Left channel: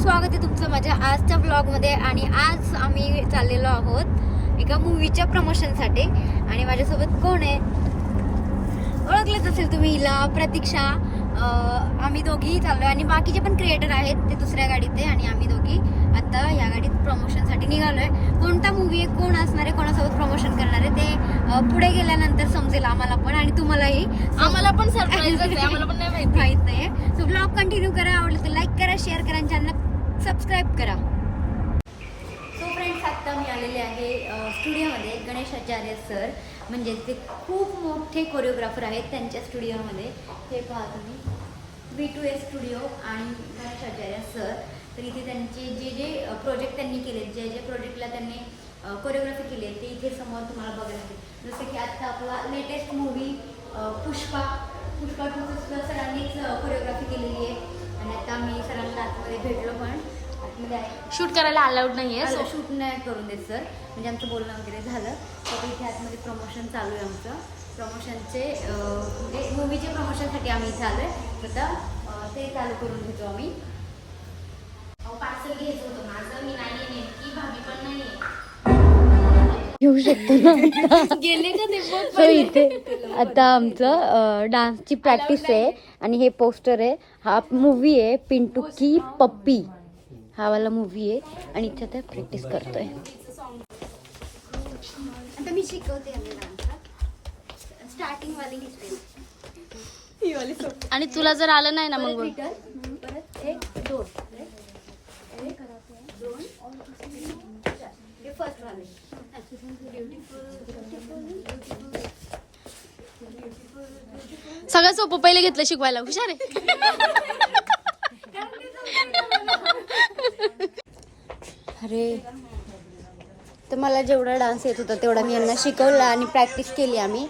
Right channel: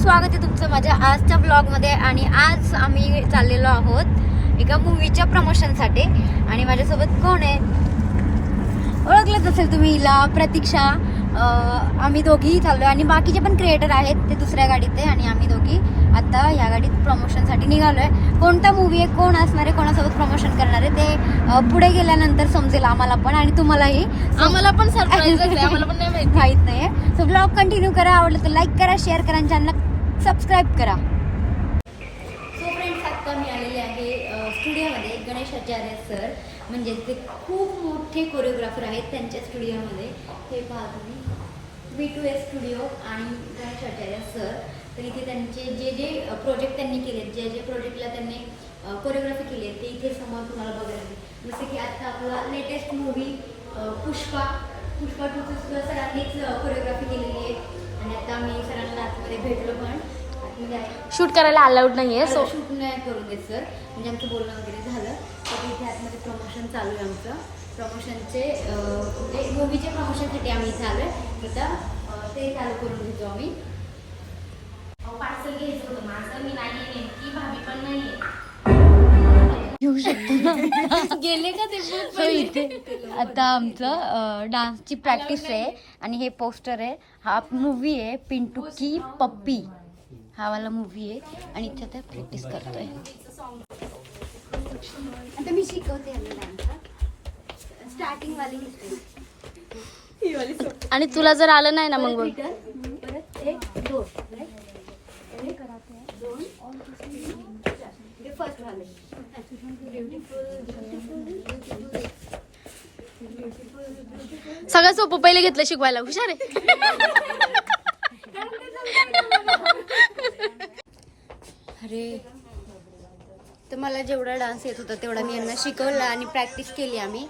स्वागत आहे तुमचं माझ्या आजच्या ब्लॉगमध्ये. आणि आज आम्ही चाललेलो आहोत एका मूवीच्या प्रमोशनसाठी. आणि माझ्यासोबत कोण आहे ओळखलंच असेल तुम्ही हिला, प्रतीक्षा. आम्ही दोघी चाललो आणि बाकीचे पण क्रिएटर आहेत, ते दुसऱ्या गाडीत आहे आणि आम्ही दोघी आता या गाडीत प्रमोशनसाठी निघालोय. कोणता मूवी आहे, कोण असणार आहे, कोणासोबत प्रमोशन करणार आहे ते पुढे गेल्यानंतर समजेल आम्हाला पण आणि तुम्हालाही. आम्हाला पण सरप्राईज आहे, आम्हाला पण नाही माहित नाही. सो ब्लॉग कंटिन्यू करा, आवडलं तर लाईक करा, शेअर करा आणि चॅनलला सबस्क्राईब करा. सो फ्रेंड्स, आता मी आलेले आहे स्टुडिओमध्ये. गणेश आचार्य सर म्हणजे ते खूप मोठे कोरिओग्राफर आहेत, त्यांच्या स्टुडिओमध्ये. हे पहा तुम्ही, V2S स्टुडिओ आणि गणेश आचार्य सर. तर इथे त्यांचे जे जे प्रोजेक्ट त्यांनी केले, जे जे प्रोजेक्टला त्यांनी कोरिओग्राफी केली आहे ते इथे समोर तुम्हाला बघायला मिळेल. जसं की आता आपला लेटेस्ट मूवी पुष्पा 2 सरांनीच कोरिओग्राफी केलेली आहे. आणि आता आम्ही सरांना आतमध्ये भेटलो, पण आतमध्ये शूट करायला अलाउड नाहीये, सो शूट नाही करून देत सर. म्हणजे आमचं बोलणं वगैरे झालं तर इथे आतमध्ये प्रमोशन चालू आहे आमचं. प्रमोशनचे म्हणजे मूवीचे प्रमोशनसाठी आम्ही इथे आलो आहे. आता ते चालू करून घेतो आम्ही. पार्सल घ्यायचं होतं माझं, मी नाही नेमकी भाभी पण नाहीये. घेऊ शकतो गेले का ते सो इथे आता आमचं डान्सची प्रॅक्टिस आहे आणि हे पोस्टर आहे. हा मूवी आहे पिंटू की पप्पी, हा वाला मूवी आहे आणि इथे ते प्रॅक्टिस करतोय. आता मी शिकवते डान्स. स्टार्टिंग वाली आणि तुला जर आलं नाही ना मग परत 1 2 2 ते फर्स्ट वाले. सगळं सोपं पहिले घेतलं शिकवायला, हुशार आहे. अरे, तर मला जेवढा डान्स येत होता तेवढा मी यांना शिकवला आणि प्रॅक्टिस केली आम्ही.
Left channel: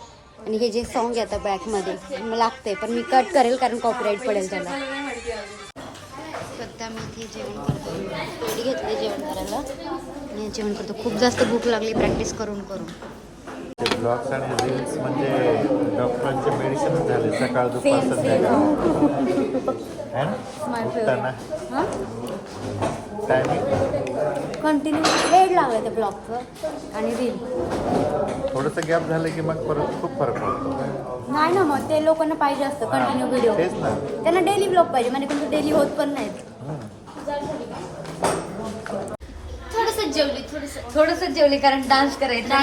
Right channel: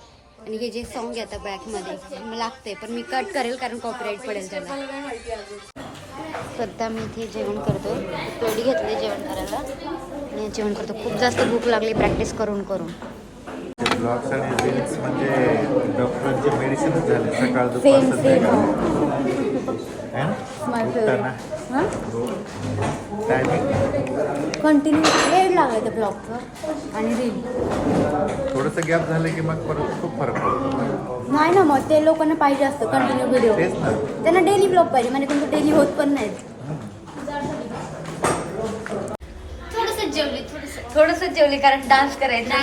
आणि हे जे सॉन्ग आहे आता बॅकमध्ये मला लागतंय, पण मी कट करेल कारण कॉपीराईट पडेल त्याला. करता मी इथे जेवण करतो, पोळी घेतली जेवण करायला आणि जेवण करतो. खूप जास्त भूक लागली प्रॅक्टिस करून करून. सेम सेम माय फेवरेट. हां, कंटिन्यू वेळ लागला त्या ब्लॉगचं आणि रील. थोडंसं गॅप झालं की मग परत खूप फरक पडतो. नाही ना, मग ते लोकांना पाहिजे असतं कंटिन्यू व्हिडिओ. त्यांना डेली ब्लॉग पाहिजे, म्हणजे कोणतं डेली होत पण नाहीत. थोडंसं जेवली कारण डान्स करायचा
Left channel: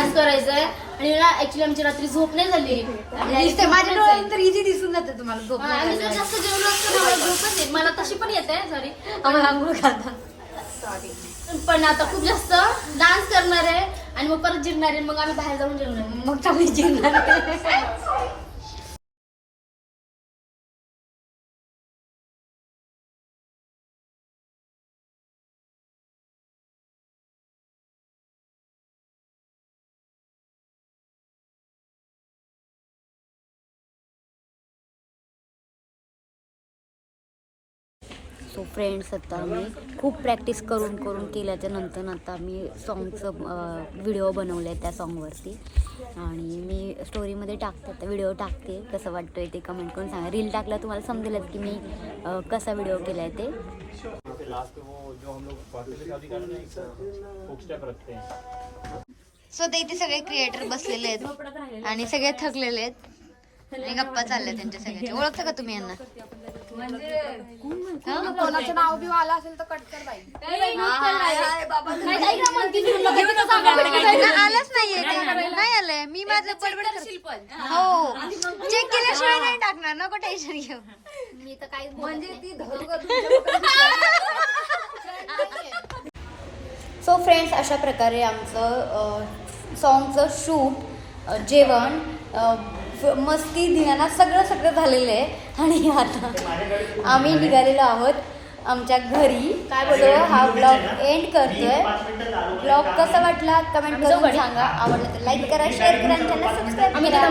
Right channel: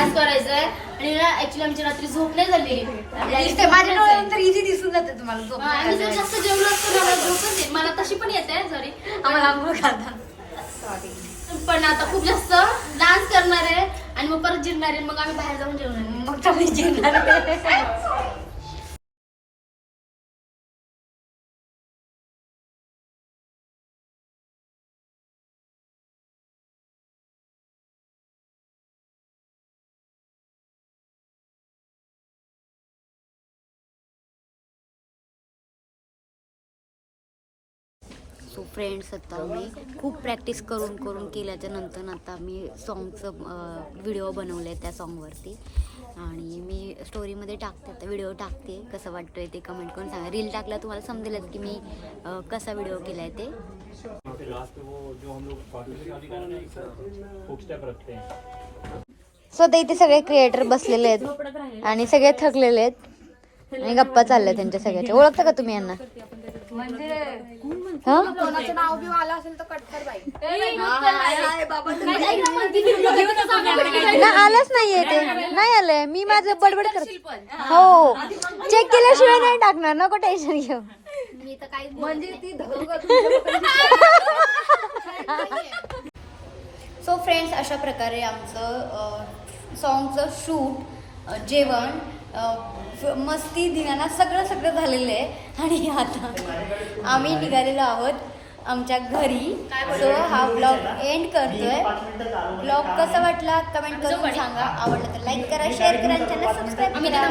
आहे. आणि ना ऍक्च्युली आमची रात्री झोप नाही झाली. माझ्या डोळ्यानंतर इझी दिसून जाते तुम्हाला झोप. आम्ही जर जास्त जेवलो असतो मला झोपच येत. मला तशी पण येते सॉरी, आम्हाला आंघोळ घाला. पण आता खूप जास्त डान्स करणार आहे आणि मग परत जिरणार आहे. मग आम्ही बाहेर जाऊन जेवणार आहे. मग चांगली जिंकणार. सो फ्रेंड्स, आता आम्ही खूप प्रॅक्टिस करून करून केल्याच्या नंतर आता मी सॉन्गचं व्हिडिओ बनवले आहे त्या सॉन्गवरती. आणि मी स्टोरीमध्ये टाकते, आता व्हिडिओ टाकते. कसं वाटतोय ते कमेंट करून सांगा. रील टाकला तुम्हाला समजेलच की मी कसा व्हिडिओ केला आहे ते. सो आता इथे सगळे क्रिएटर बसलेले आहेत आणि सगळे थकलेले आहेत आणि गप्पा चालल्या त्यांच्या सगळ्याच्या. ओळखता का तुम्ही यांना? आलंच नाहीये ते, नाही आलंय. मी माझं बडबड करते. हो, चेक केल्याशिवाय नाही टाकणार, नको टेन्शन घेऊ. मी तर काही सो फ्रेंड्स, अशा प्रकारे आमचं सॉन्गचं शूट, जेवण, मस्ती, धिंगाणा सगळं झालेलं आहे. आणि आता आम्ही निघालेलो आहोत आमच्या घरी. सो हा ब्लॉग एंड करतोय. ब्लॉग कसा वाटला कमेंट करून सांगा. आवडलं तर लाईक करा, शेअर करा आणि चॅनल सबस्क्राईब करा.